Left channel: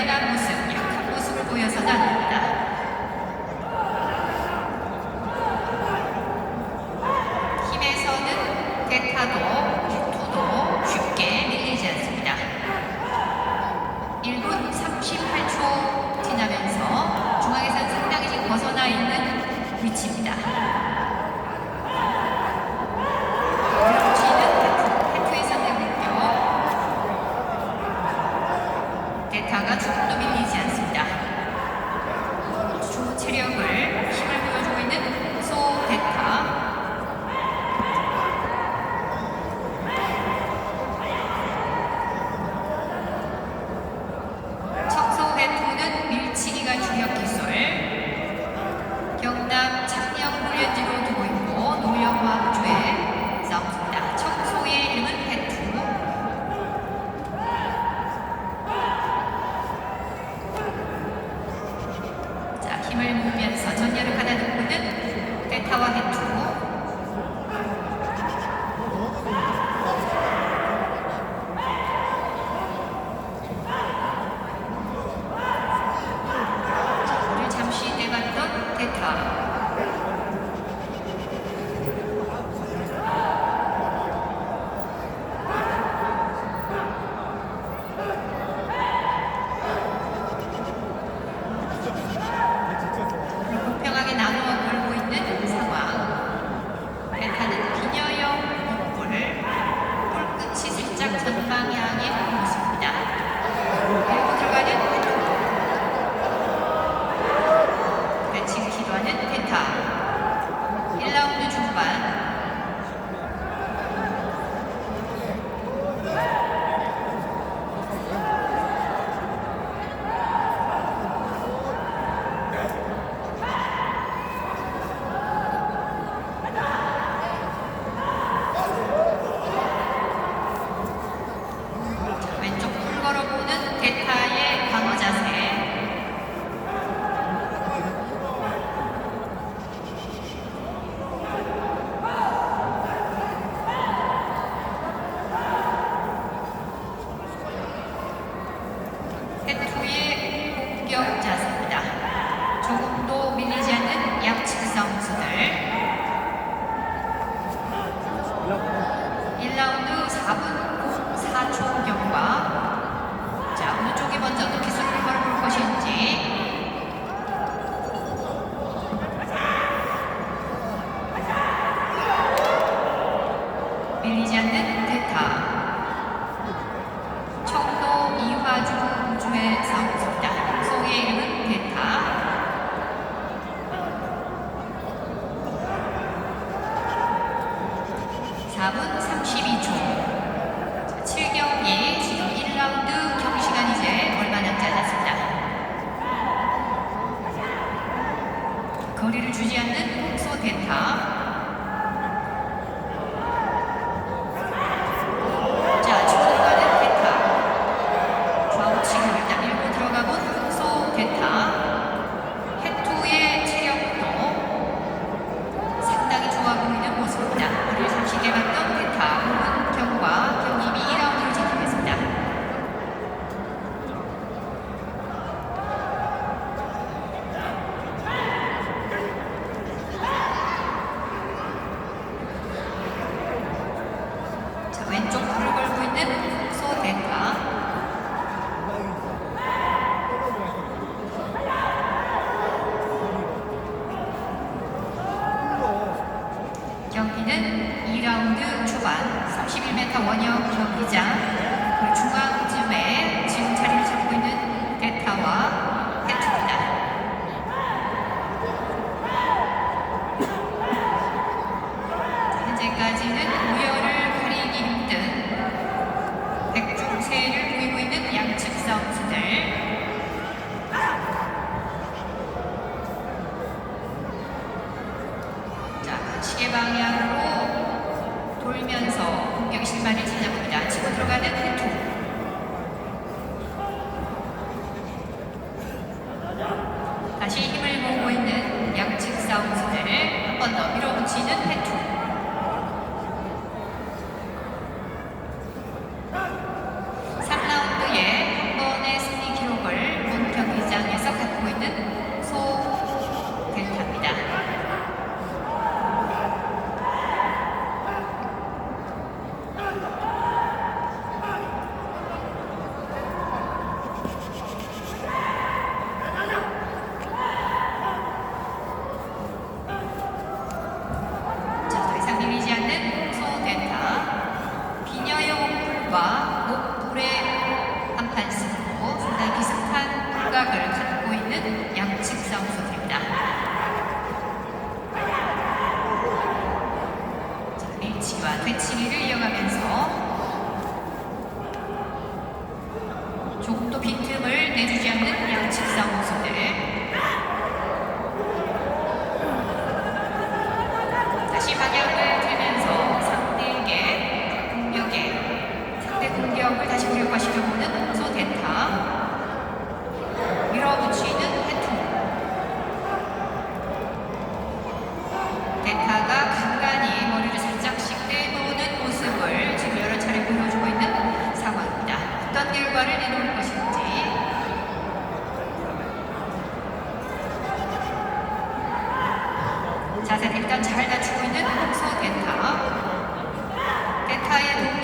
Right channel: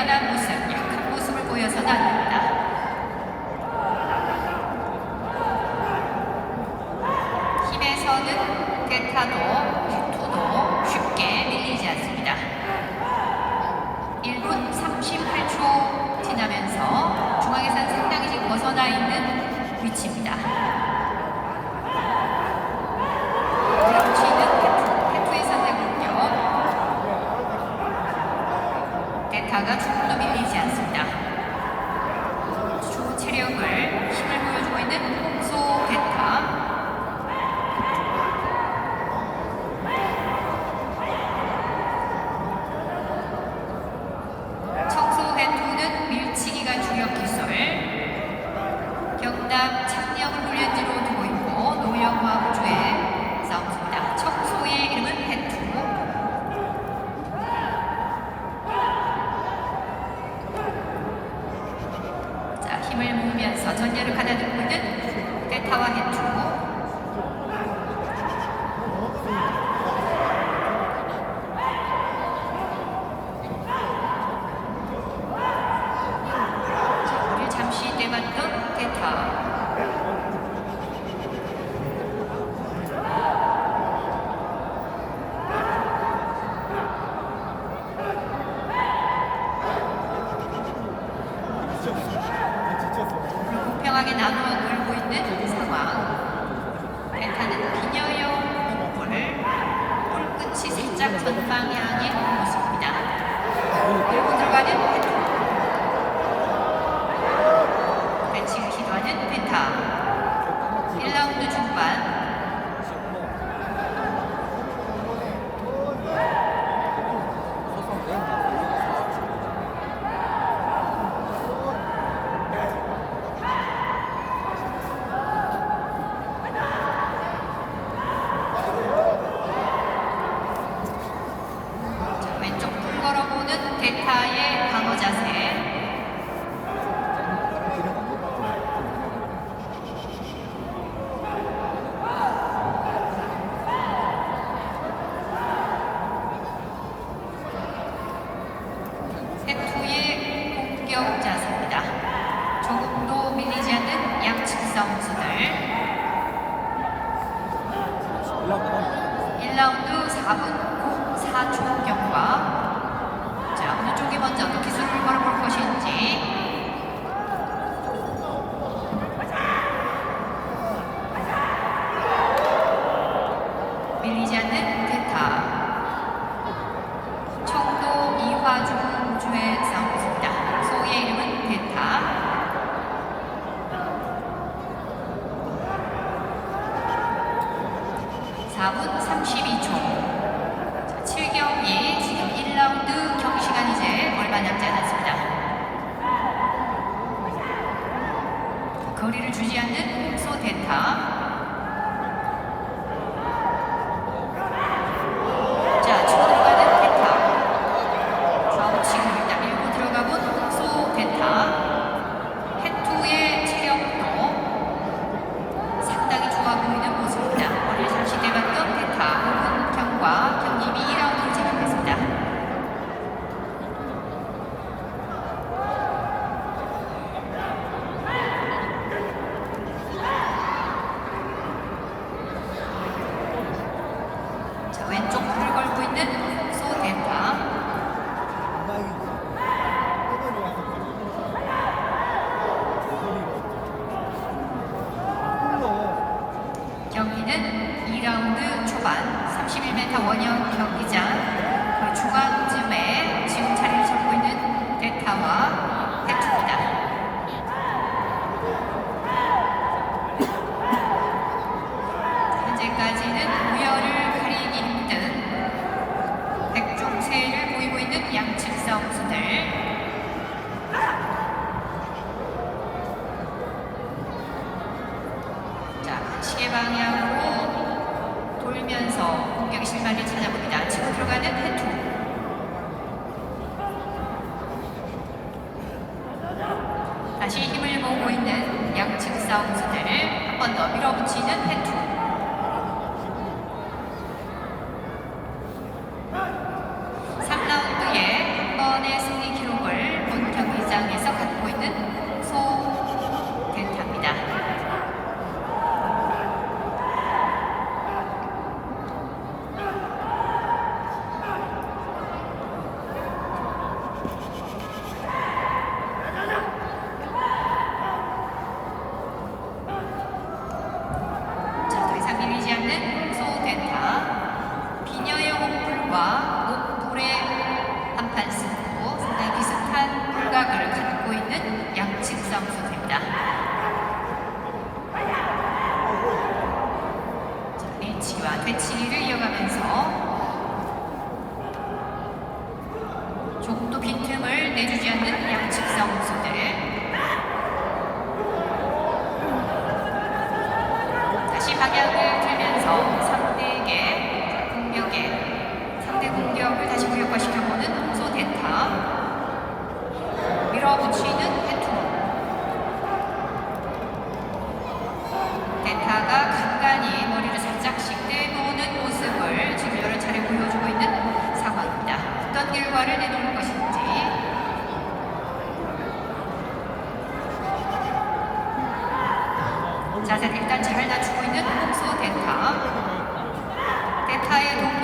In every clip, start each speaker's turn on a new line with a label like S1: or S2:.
S1: 대단한 모습, 유력한 모습을 보여서 다닙니다. 힘에서는 데타도 데이터가 조금도 밀리지 않습니다. 주 체력을 몸을 묶면서 전열을 받아들고 있는 대타와 해투 1라운드 4분 4초 경과. 자 어느 쪽이 먼저 어떻게 승부를 걸 것인지. 24분 32초. 7경기 지금 1라운드 경기 시간 이제 얼마 남지 않았습니다. 거리를 주지 않는 홍소 대타. 기자, 중앙쯤에 지금 자리를 잡고 있는 대타와 She 자세를 일단 잘 다치고 있는 홍수 대타. 대타의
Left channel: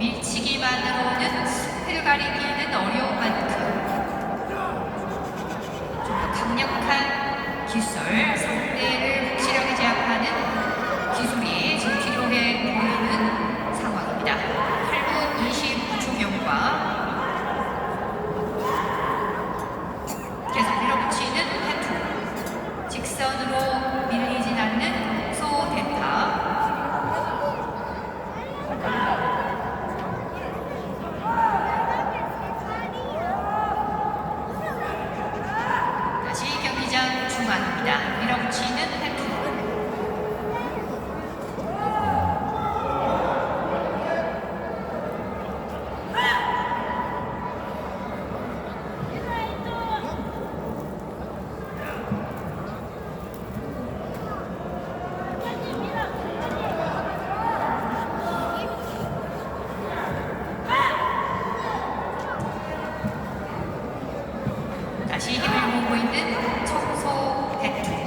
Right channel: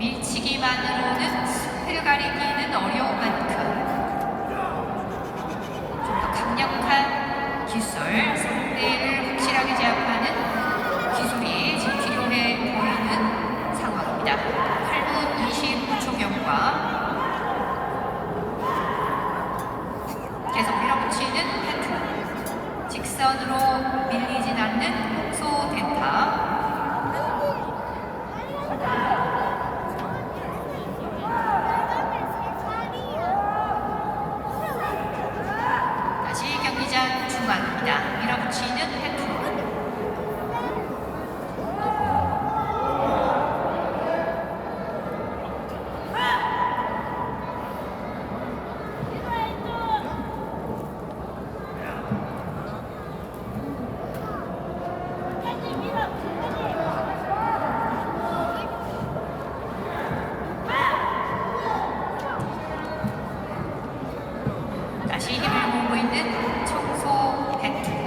S1: 밀치기만으로는 흙을 가리기는 어려운 만큼 좀 더 강력한 기술, 상대를 확실하게 제압하는 기술이 지금 필요해 보이는 상황입니다. 8분 29초경과 다시 힘을 모으고 있는 청소 배틀.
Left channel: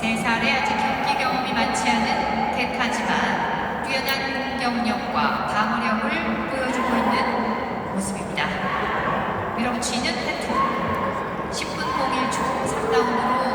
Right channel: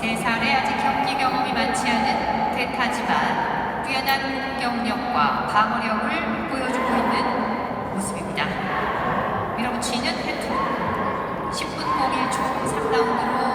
S1: 세 살에 아직 경기 경험이 많지 않은 대타지만 뛰어난 공격력과 방어력을 보여주고 있는 모습입니다. 밀어붙이는 해투 10분 01초 3라운드로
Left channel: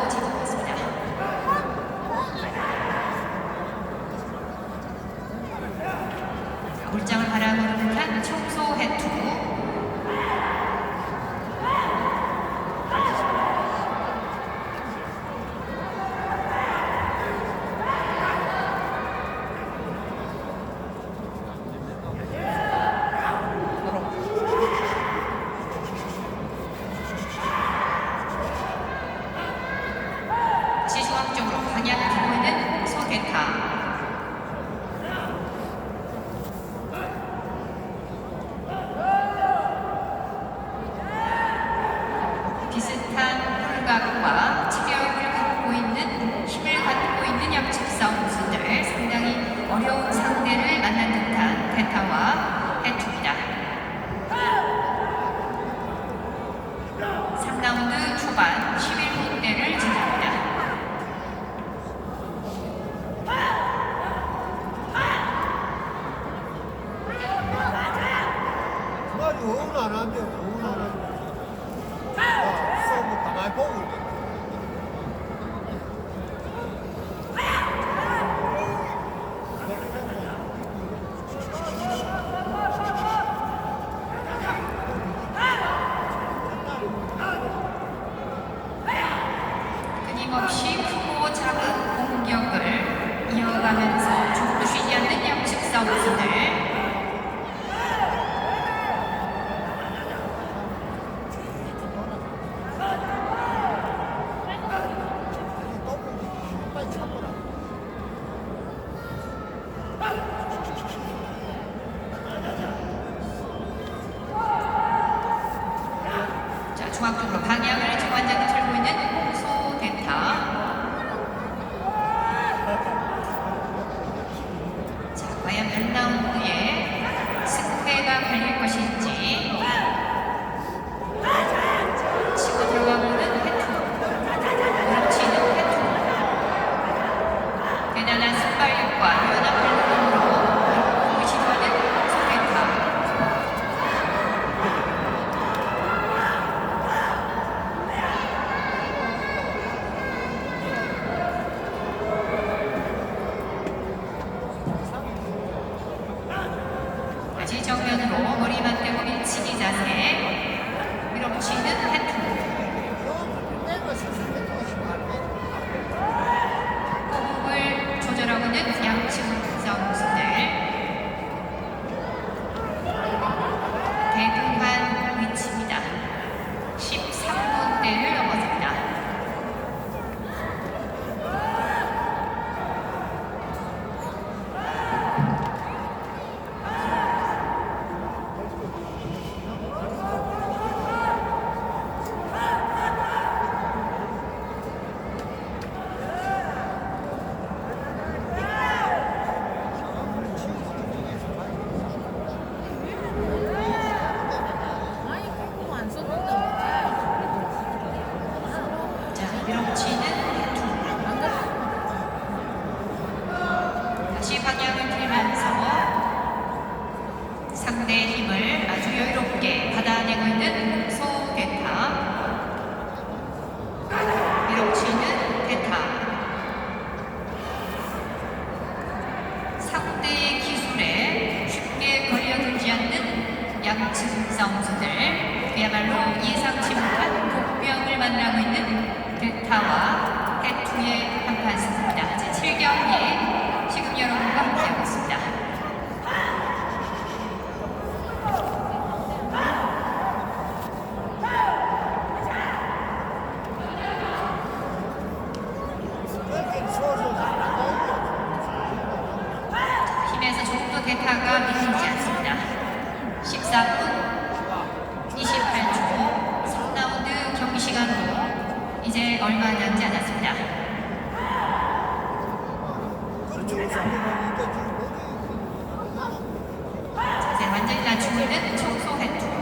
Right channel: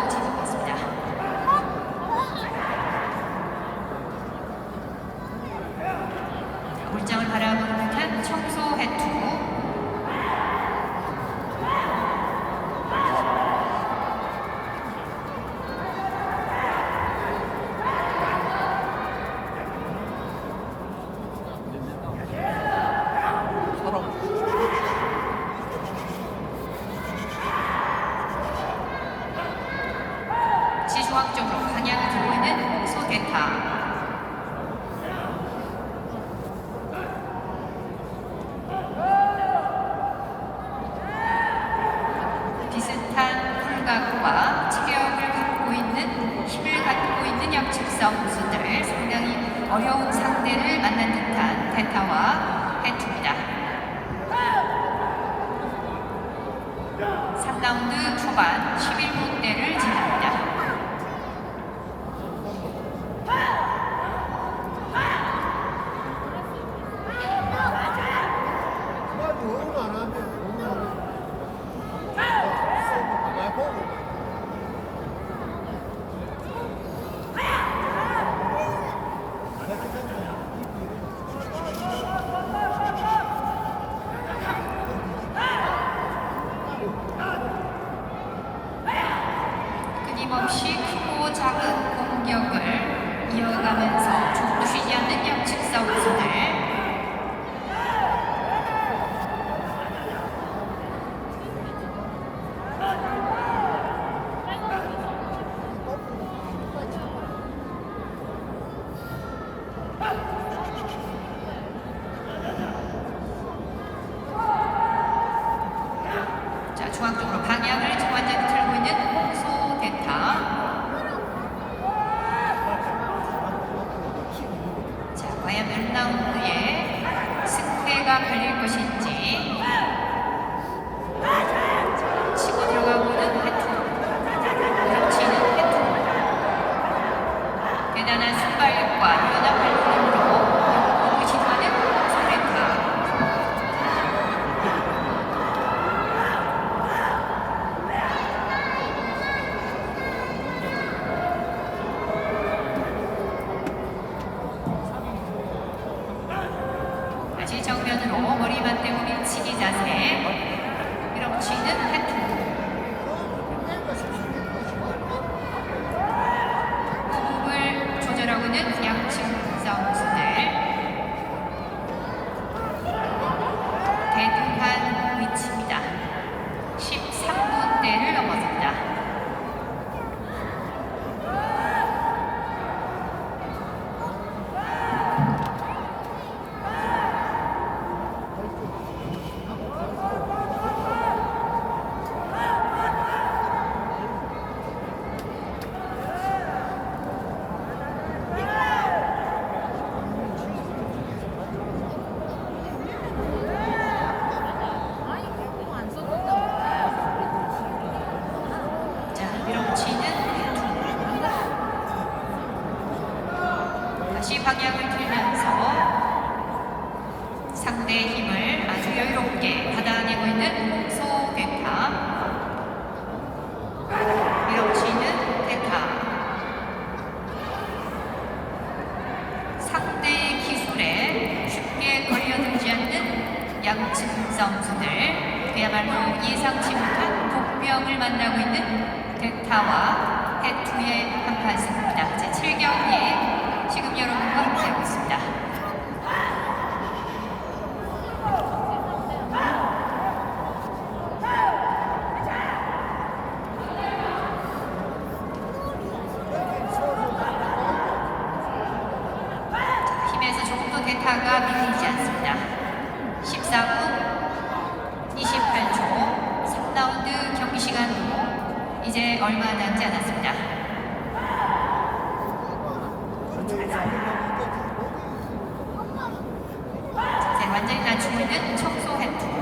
S1: 지적 고수들 상당히 어려운 상대를 만난 듯한 대타와 해트입니다. 3라운드 초반 11분대를 지납니다. ความสุขกับภาเนี้ยไม่ได้ 만나고 있는 델타와 대투의 한판승입니다. 제 7경기에 지금 여러분과 함께 남지 않았습니다. 네, 완전히 낮추고 있는 청소할 때.